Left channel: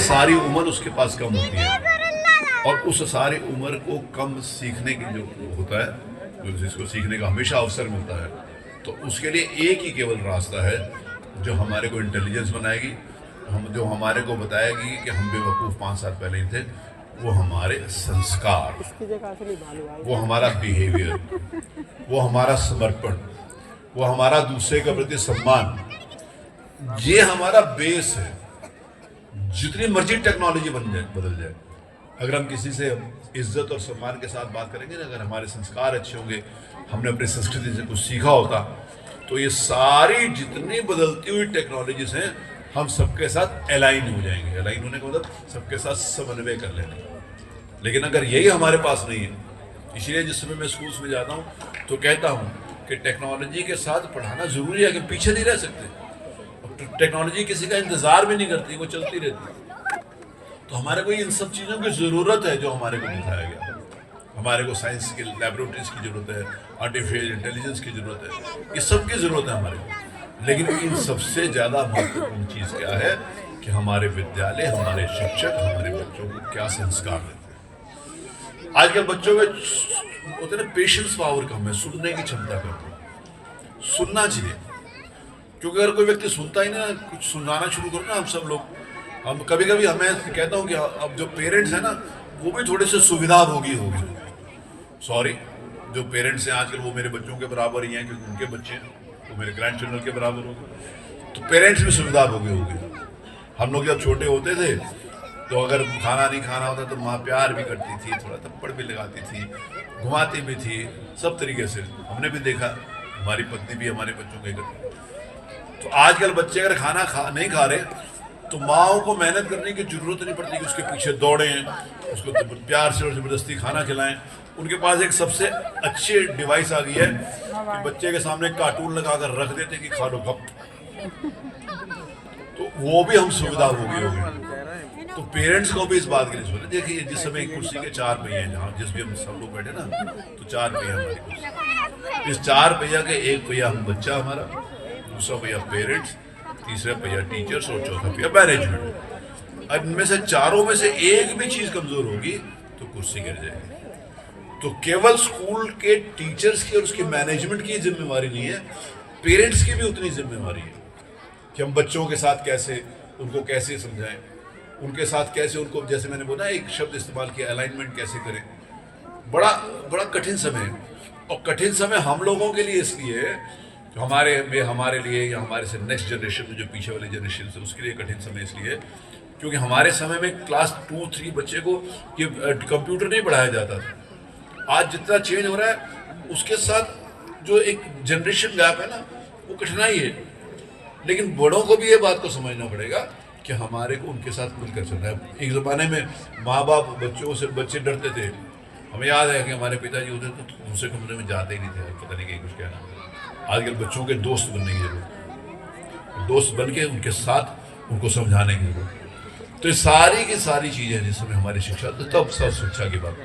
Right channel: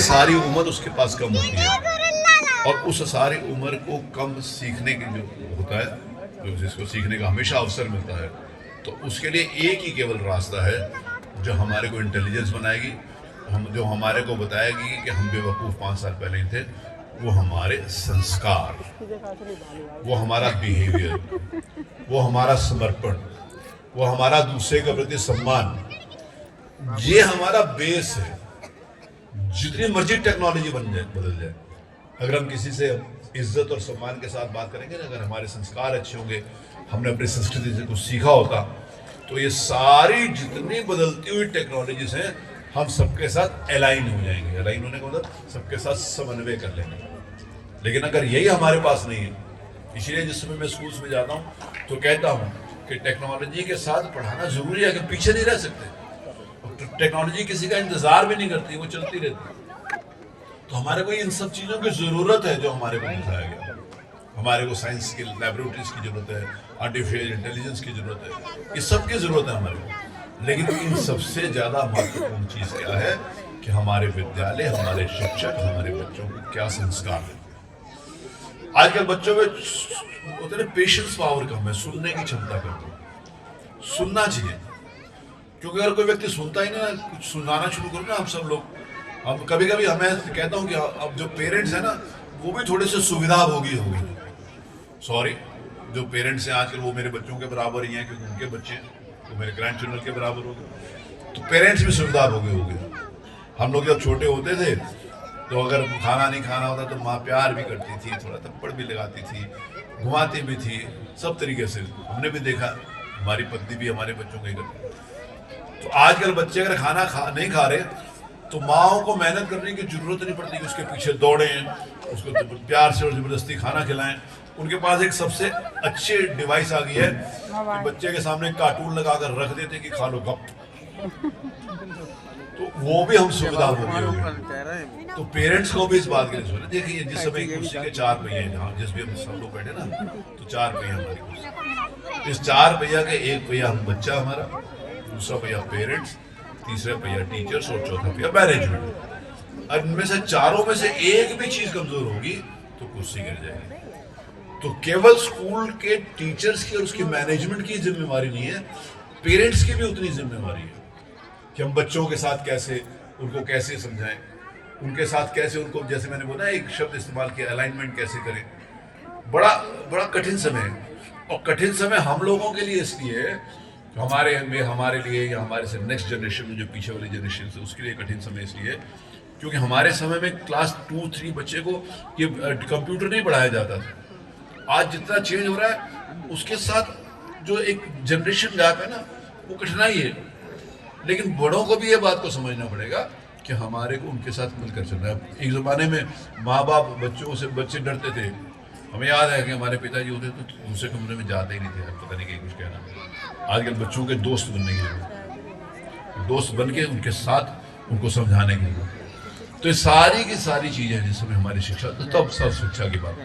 सारी उम्र उसके पास कम होती है और उस सारी उम्र को कम सीखने की जो होता है, जो जिसको सीखने का हमेशा अवसर मिलता है, तो उसके लिए एक ही केवल रास्ता है जो हमारे को इंटेलिजेंस बनाएगी, जो हमारे को बताएगी कि हम बेवकूफ़ 5 साल पहले ही थे। वो हमारे संस्कार, वो हमारा बिहेवियर, वो हमारा समर्पण, वो हमारा दूसरे के प्रति सम्मान, ये हमारा बेस है। जितनी मर्जी टेक्नोलॉजी बदल जाए, अगर हम किसी से इज्जत और सम्मान के साथ बात करेंगे ना, अगर हमारे संस्कार अच्छे होंगे, हमने अपनी संस्कृति से कुछ सीखा होता, तो ये सारी जितनी बदलती हुई टेक्नोलॉजीज हैं, हम सबके साथ अलाइन हो जाएंगे। अलाइन होने का मतलब सबके साथ समन्वय कर लेंगे। लेकिन अगर यही हमारे पास नहीं है, इसलिए जिस समय मैं स्कूल्स में जाता हूँ तो कहता हूँ कि टेक्नोलॉजी के साथ पढ़ाना जरूरी है, कि पीछे नहीं रह सकते। टेक्नोलॉजी किसी का इंतजार भी नहीं करती, वो चलती रहती है। तो हमारे को इन सब चीज़ों की ज़रूरत है जो हमारे को दिखाया गया। हमारे को साइंस की लैबोरेटरीज की ज़रूरत है, आर्टिफिशियल इंटेलिजेंस की ज़रूरत है, इस सब की ज़रूरत है हमारे को। लेकिन इन सबसे ज़्यादा महत्वपूर्ण चीज़ क्या है कि हमारे विद्यालय, हमारे शिक्षक हमारे बच्चों को क्या संस्कार देते हैं। आजकल बच्चों में होते ना पेशेंस पावर कम है, सुनने की क्षमता कम है। सुनना चाहिए, क्योंकि अगर कोई व्यक्ति सुनता ही ना, कुछ सुनाना शुरू करो ना, हम सब लोग, हम कभी कभी हमें कहता हूँ कि अब जो पेरेंट्स हैं ना, वो भी थोड़े से सुविधा भोगी हो गए। सॉरी, जो पेरेंट्स हैं आजकल वो मेरे बच्चों के बराबर ही हैं, क्योंकि उनके बच्चे वो मेरे ग्रैंड चिल्ड्रन के बराबर हो गए। तो पेरेंट्स भी सुविधा भोगी हो गए। हम लोग जब छोटे होते थे तो अगर खाना नहीं खाना होता तो माँ प्यार भी करती थी, थोड़ा थप्पड़ भी लगाती थी, घुमाती भी थी, सब तरीके से हमने भी देखा। हमारी पत्नी भी हमारे बच्चों के करती। तो आजकल बच्चे अगर खाना नहीं खा रहे तो माओ को मेहनत करने की जरूरत नहीं पड़ती कि उसके पीछे दौड़ें, उसको प्यार से और जबरदस्ती खाना खिलाएं। उनके पास एक सबसे अच्छी डिवाइस आ गई है कि बच्चे के सामने कार्टून लगाकर रख देते कि खा लो गप। तो वो भी हम सुविधा हो गई। तो पेरेंट्स को भी इस बात के लिए सोचना। देखिए, जिस समय कुर्सी के 4 पहिए हैं, जहाँ जिस भी हम सब लोग बैठे ना, तो 4 पहिए हमारी कुर्सी। इस 4 पहिया के एक पहिया हम बच्चा हमारा, दूसरा पहिया पेरेंट्स, तीसरा पहिया टीचर्स और चौथा पहिया मैनेजमेंट। अब इनमें से चारों में से एक भी चीज कमजोर होगी तो कुर्सी गिर जाएगी। तो केवल स्कूल के टीचर्स की और उसकी मैनेजमेंट की जिम्मेवारी नहीं है, पेरेंट्स की भी उतनी जिम्मेवारी है कि हम बच्चों के साथ कैसे, उनको कैसे समझाएं, उनके साथ कैसे उनको, जैसे मैंने बोला एक शब्द इस्तेमाल किया, अलाइनमेंट कैसे करें। बड़ा बड़ा कठिन समय है, और कठिन समय हम लोगों के लिए इसलिए है, तो हमारे लिए या हमारे से नेक्स्ट जनरेशन में जो पीछे वाली जनरेशन है उसके लिए कठिन समय इसलिए क्योंकि हमारे समय में क्लास 2-3 बच्चे को ये कंप्यूटर नहीं पढ़ाया जाता था। आज जितना चेंज हो रहा है उसके साथ जो एक जनरेशन गैप है ना, वो कठिनाई है। लेकिन बड़ों को भी ये बात को समझना पड़ेगा कि हमारे को उनके साथ मिलकर चलना है। एक ज़माने में माँ बाप बच्चों से, बच्चे डरते थे। हमें याद है कि हमारे पिताजी होते तो दूसरे कमरे में जाते ही नहीं थे, पता नहीं क्या कुछ कहना। आजकल बच्चों के दोस्त बनने की जरूरत, दोस्त बन के उनके साथ उनको समझाने की जरूरत। तो ये सारी की सारी चीज़ें जिसमें हमारी शिक्षा, तब सब शिक्षा की बात,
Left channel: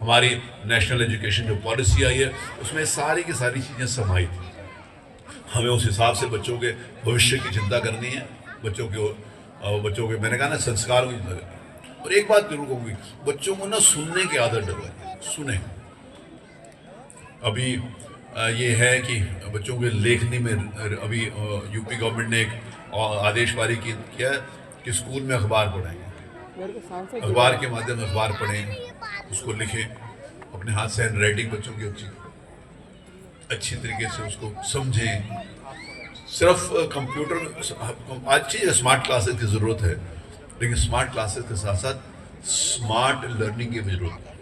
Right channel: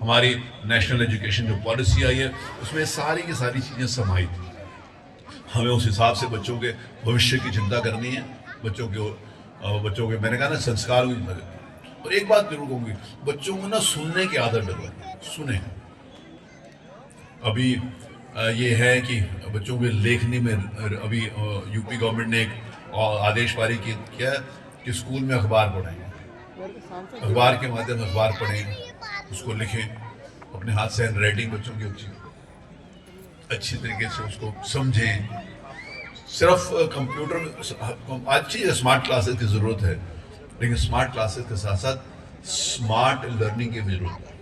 हमारी नेशनल एजुकेशन जो पॉलिसी आई है उसमें सारी की सारी चीज़ें समाहित हैं। हमें उस हिसाब से बच्चों के भविष्य की चिंता करनी है, बच्चों के मैंने कहा ना, संस्कार की। और एक बात जरूर कहूँगी, बच्चों को ना सुनने की आदत डलवाइए, सुने। अभी ये है कि बच्चों के लेखनी में अभी यूपी गवर्नमेंट ने एक आदेश पारी किया कि स्कूल में अखबार पढ़ाएं, अखबार के माध्यम से अखबार पढ़ें, उसको लिखें, अपने हाथ से हैंड राइटिंग बच्चों की अच्छी तरीके से उसको समझें। सिर्फ कंप्यूटर, अच्छी स्मार्ट क्लासेस की ज़रूरत है, लेकिन स्मार्ट क्लासेस के साथ साथ स्मार्ट लर्निंग की भी जरूरत है।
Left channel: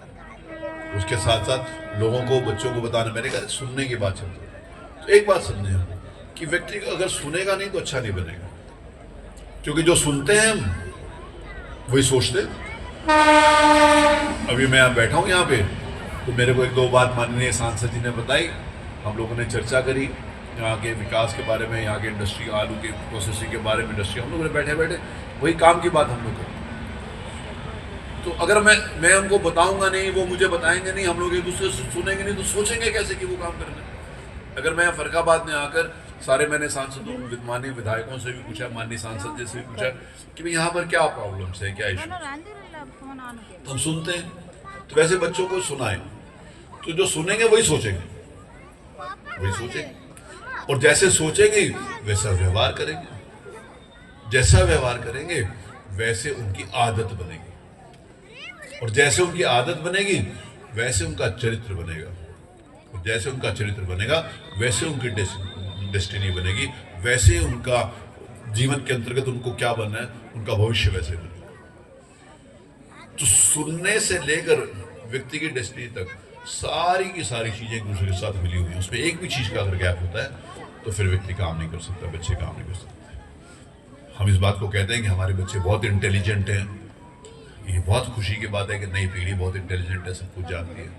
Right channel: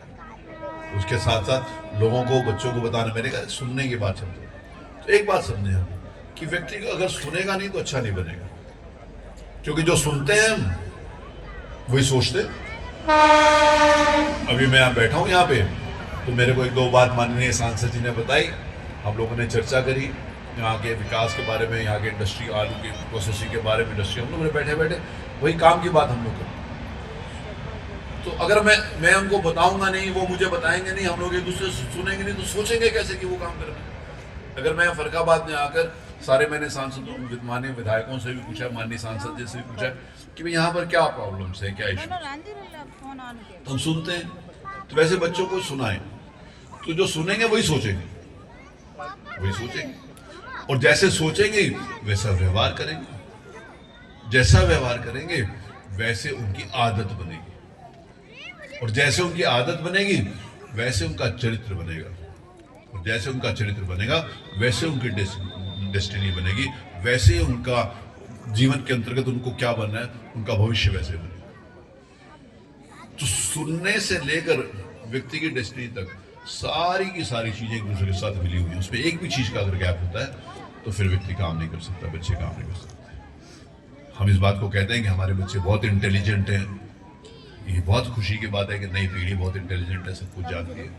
उसके साथ साथ लोगों को, बच्चों को बताना, मैंने कहा सुनने की बात चलती है। तो एक बात समझे कि व्यक्ति अगर सुनेगा नहीं तो अच्छा नहीं बनेगा, क्योंकि जो सुनते हैं वही सोचते। अभी मैं बैठा हूँ यहाँ पे, तो मेरे को 1-2 बात माननीय सांसद जी ने बताई, हम लोगों ने चर्चा करी यहाँ के विकास के बारे में, यहाँ के इंडस्ट्री, आलू की प्रोसेसिंग के बारे में, इंडस्ट्री, हम लोगों ने बैठे बैठे वही काम की बात हम लोग को। तो अगर मैं उनको बताऊंगा नहीं, वो मुझे बताएंगे नहीं, हम लोग एक दूसरे से सुनेंगे नहीं, तो सोचेंगे कैसे कि वो काम करना है। अगर मैं फरखाबाद में आकर सारे मैंने सांसदों माननीय विधायकों से भी पूछा, माननीय सांसद जी से भी पूछा कि भाई यहाँ पर क्या प्रॉब्लम्स है, क्या इशू। तो हम सुनते हैं, तो वैसे बच्चों को सुनाएं, तो जो सुनेंगे वही सोचेंगे, वही सोचेंगे, और जैसे सोचेंगे वैसा व्यवहार करेंगे, जैसा व्यवहार करेंगे वैसे उनकी आदत बनेगी, और जैसे उनकी आदत बनेगी वैसे उनका चरित्र बनेगा, और जैसे उनका चरित्र बनेगा वैसे उनकी डेस्टिनी बनेगी, वैसे उनका जीवन के अंतर्गत उनको क्या बनना है, उनका भविष्य वैसे बनेगा। तो सुनने से लेकर व्यक्ति की डेस्टिनी तक सारी की सारी चीजें एक दूसरे के साथ मिली हुई है। उसमें एक भी चीज का अगर गैप होता है तो फिर व्यक्ति काम नहीं कर सकता, बच्चे काम नहीं कर सकते। हम इस बात को कहते हैं कि हमारे बच्चे बहुत इंटेलिजेंट हैं, ये बहुत खुशी की बात है कि नई पीढ़ी बहुत इंटेलिजेंट है, सब कुछ जानती है,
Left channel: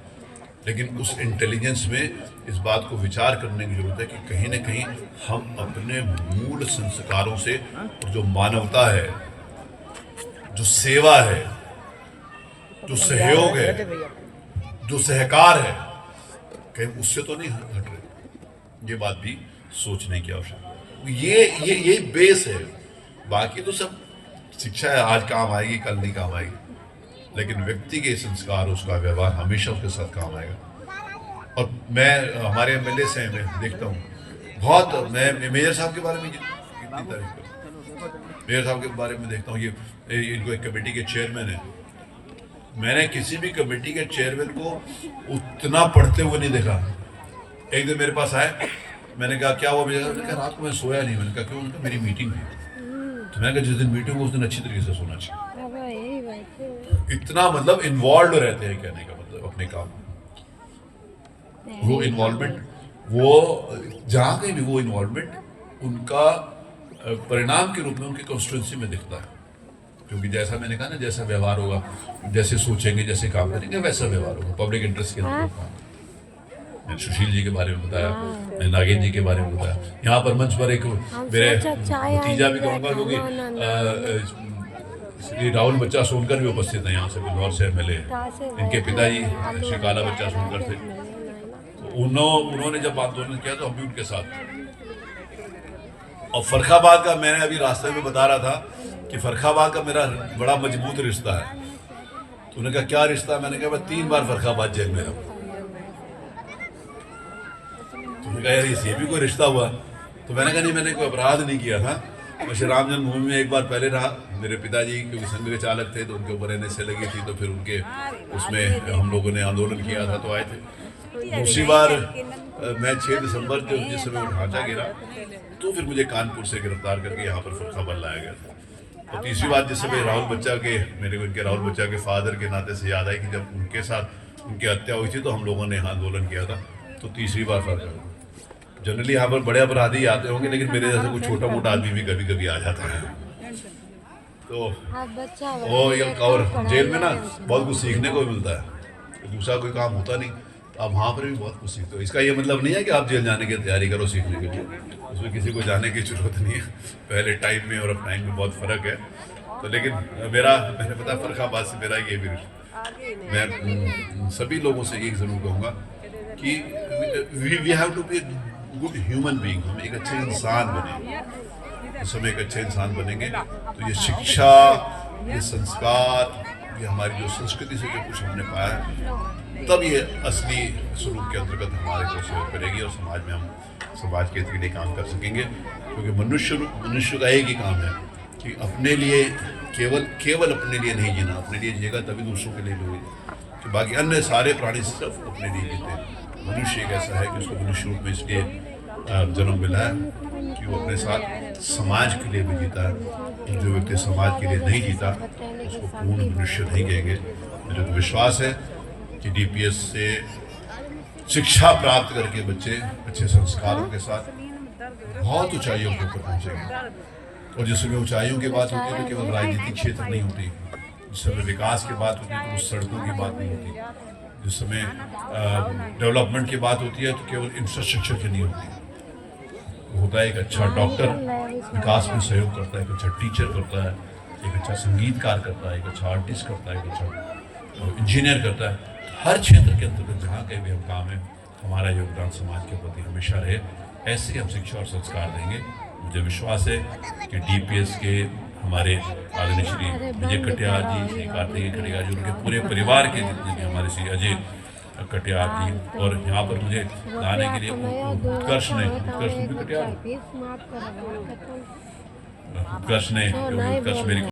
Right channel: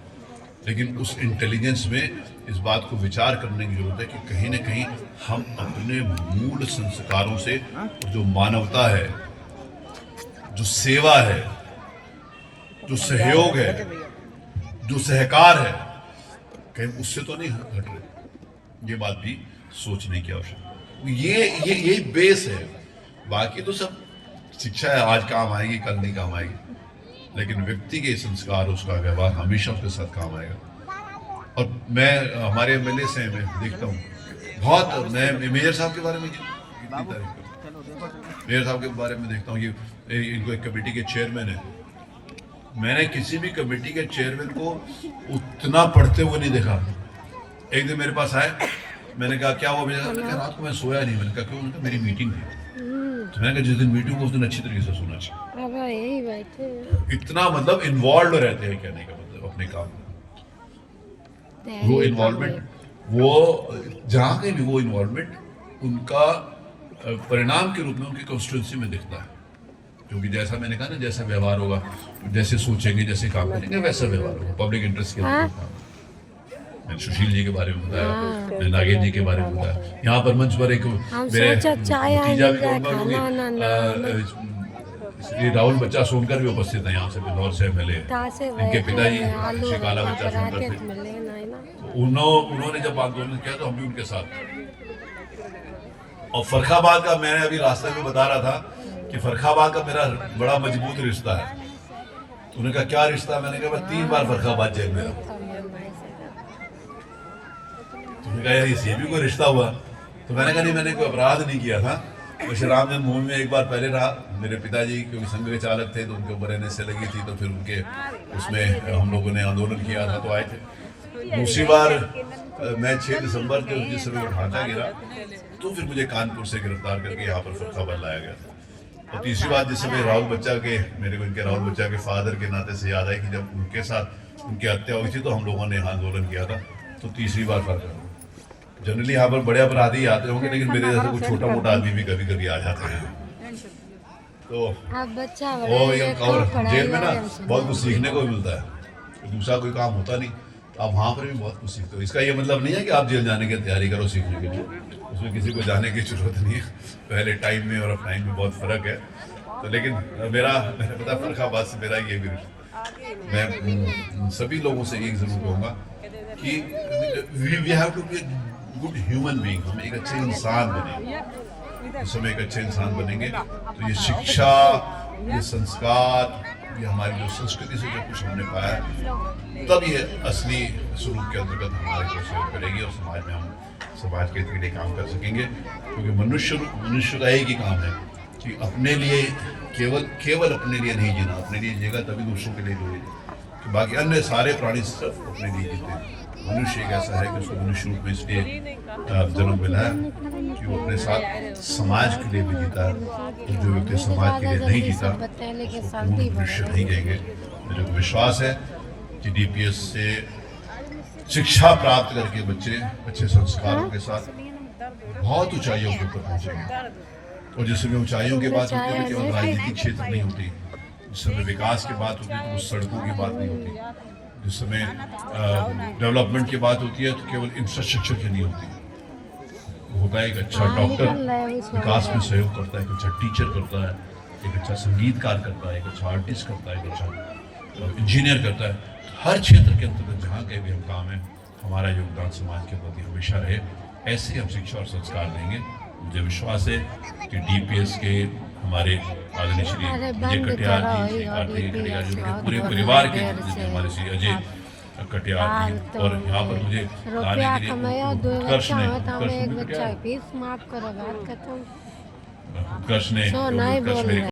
लेकिन उस इंटेलिजेंस में इस बात को विचार करने की जरूरत है कि कहीं ना कहीं हम अपने मूल संस्कारों से जो मानवता है, जो सेवा है, जो सहयोग है, जो सहकार है, कहीं उससे तो नहीं हट रहे। ये बात भी सोचने की आवश्यकता है। ये बेस है, बाकी तो सब शिक्षा है, आज काम आएगी कल नहीं काम आएगी, लेकिन व्यक्ति के संस्कार, उसका व्यवहार हमेशा उसके साथ काम आएगा। और मैं हमारे एमएलए से मैं देखता हूँ बहुत, मैं मेयर साहब के बारे में कितनी तारीफ करता हूँ, मेयर साहब के बारे में देखता हूँ, ये इनको एक कमेटी के चेयरमैन है। मैंने किसी भी कमेटी के चेयरमैन को उतना पढ़ते हुए नहीं देखा। एक दिन मेरे पास आए, मैंने कहा क्या हुआ, मैंने कहा रात को मैं सोया नहीं। मैंने कहा क्यों? उनका मेरी मीटिंग थी। तो मैंने कहा जिस दिन मीटिंग हो उस दिन अच्छी तरीके से सुनना चाहिए। इतना मतलब इन्वॉल्व रहते हैं, कहने का मतलब अपने काम में वो इन्वॉल्वमेंट, वो जहाँ कहीं भी वो इन्वॉल्वमेंट उनका परिणाम के रूप में उनकी कॉन्स्टिट्यूंसी में दिखता है। क्योंकि जैसा मैंने कहा ना, जैसा व्यवहार होगा, जैसे सोचेंगे, जैसे काम करेंगे वैसा व्यवहार होगा। पब्लिक इंटरेस्ट के अंदर मैंने सुशील जी के बारे में बताया, मैंने नागेंद्र जी के बारे में बताया। यहाँ पर मंच पर एक मेरे भतीजा भी कहूँगा, श्री राहुल बच्चा सोनकर भी उपस्थित है यहाँ से, बिजनौर से एमएलए, इनके पिताजी श्री काला बच्चा सोनकर थे। उन्होंने जब आंदोलन किया तो हम भी उनके साथ। और फर्रुखाबाद का, मैंने अभी रास्ते में बता रहा था कि फर्रुखाबाद का मेरा बड़ा मजबूत रिश्ता है। उन्होंने कहा क्या रिश्ता? मैंने कहा मैं 3 बार फर्रुखाबाद जेल में रहा। उन्होंने कहा यार ये भी कोई रिश्ता हुआ? तो मैंने कहा नहीं, मैंने कोई अपराध नहीं किया था। वैसे राम जन्मभूमि में एक बार पहले रहा। मेरे पिताजी क्योंकि संघ के चालक थे तो उनके ऊपर एनएसए लगी थी, तो फिर उनके उसमें हम लोगों ने आंदोलन किया था तो आए थे। दूसरी बार मैं 6 दिसंबर के जिस समय ढांचा गिरा तो फिर मुझे कानपुर से गिरफ्तार करके यहाँ पर फर्रुखाबाद लाया गया था। और तीसरी बार जिस समय राहुल बच्चा के, मेरे को उनके राहुल बच्चा के फादर के नाते से याद है कि जब उनके साथ उनकी हत्या हुई थी तो हम लोगों ने आंदोलन किया था। तो तीसरी बार फर्रुखाबाद। जनरली यहाँ पर बड़े अपराधी आते होंगे, लेकिन मेरे जैसा कोई छोटा मोटा आदमी भी कभी कभी आ जाता है। तो और जेल में ना बहुत कुछ सीखने को भी मिलता है, दूसरा कोई काम होता नहीं, तो आप वहाँ पर भी बहुत कुछ सीखते हो। इसका ये मतलब नहीं है कि आप जेल जाने की तैयारी करो सीखने के लिए, उसमें किसी को जाने की जरूरत नहीं है। पहले टाइम में और अब टाइम में बहुत फर्क है। तो लेकिन मैंने पता फर्रुखाबाद से मेरा ये भी, मैं सभी लोगों से एक जरूर कहूँगा कि we have to be good human being. हम एक अच्छे इंसान बनेंगे, इस समय एक अच्छे इंसान बनेंगे तो ये शिक्षा, ये संस्कार, ये हमारी जो संस्कृति से जो कुछ हमने पाया, तब ये असली स्वरूप के अंतर्गत हमारे को सहयोग करेगी और समाज में हम समाज के लिए काम कर सकेंगे। क्योंकि मनुष्य का एक ही काम है कि अपने लिए केवल अपने लिए नहीं जीना, अपने लिए जिएगा तभी दूसरों के लिए जिएगा, कि बाकी अन्य सारे प्राणी सिर्फ अपने लिए जीते हैं। मनुष्य एक ऐसा है कि उसको मनुष्य रूप में इसलिए जन्म मिला है कि वो अपने साथ समाज के लिए भी जीता है। और जो व्यक्ति समाज के लिए नहीं जीता उसको पूर्ण मनुष्य नहीं कहेंगे। मुझे तो विश्वास है कि डीपीएस से शिक्षा प्राप्त करके बच्चे अच्छे संस्कारों के साथ बहुत ऊंचाइयों के ऊपर पहुँचेंगे। और जिस समय ऊंचाइयों की बात होती है तो केवल राजनीतिक क्षेत्र नहीं होती, जिस समय विकास की बात होती है तो उस सड़कों की बात नहीं होती, जिस समय डेवलपमेंट की बात होती है तो केवल इंफ्रास्ट्रक्चर की नहीं होती। होता है एक अच्छा डॉक्टर विकास में सहयोग करता है, एक अच्छा टीचर करता है, एक अच्छा संगीतकार करता है, एक अच्छा आर्टिस्ट करता है, एक अच्छा इंजीनियर करता है। हर क्षेत्र के अंतर्गत जहाँ कहीं भी हम काम है, हमारा योगदान समाज के प्रति हमेशा रहे। ऐसे ही हम शिक्षा और संस्कार देंगे। मुझे विश्वास है कि डीपीएस के हमारे आदरणीय श्री विजय कटियार जी, श्री कार्तिकेय कटियार जी, उनके पूरे परिवार के जितने भी हमारे श्री अजय कटियार जी, और यहाँ पर मुझे लाने के लिए उत्कर्ष ने उत्कर्ष मेरी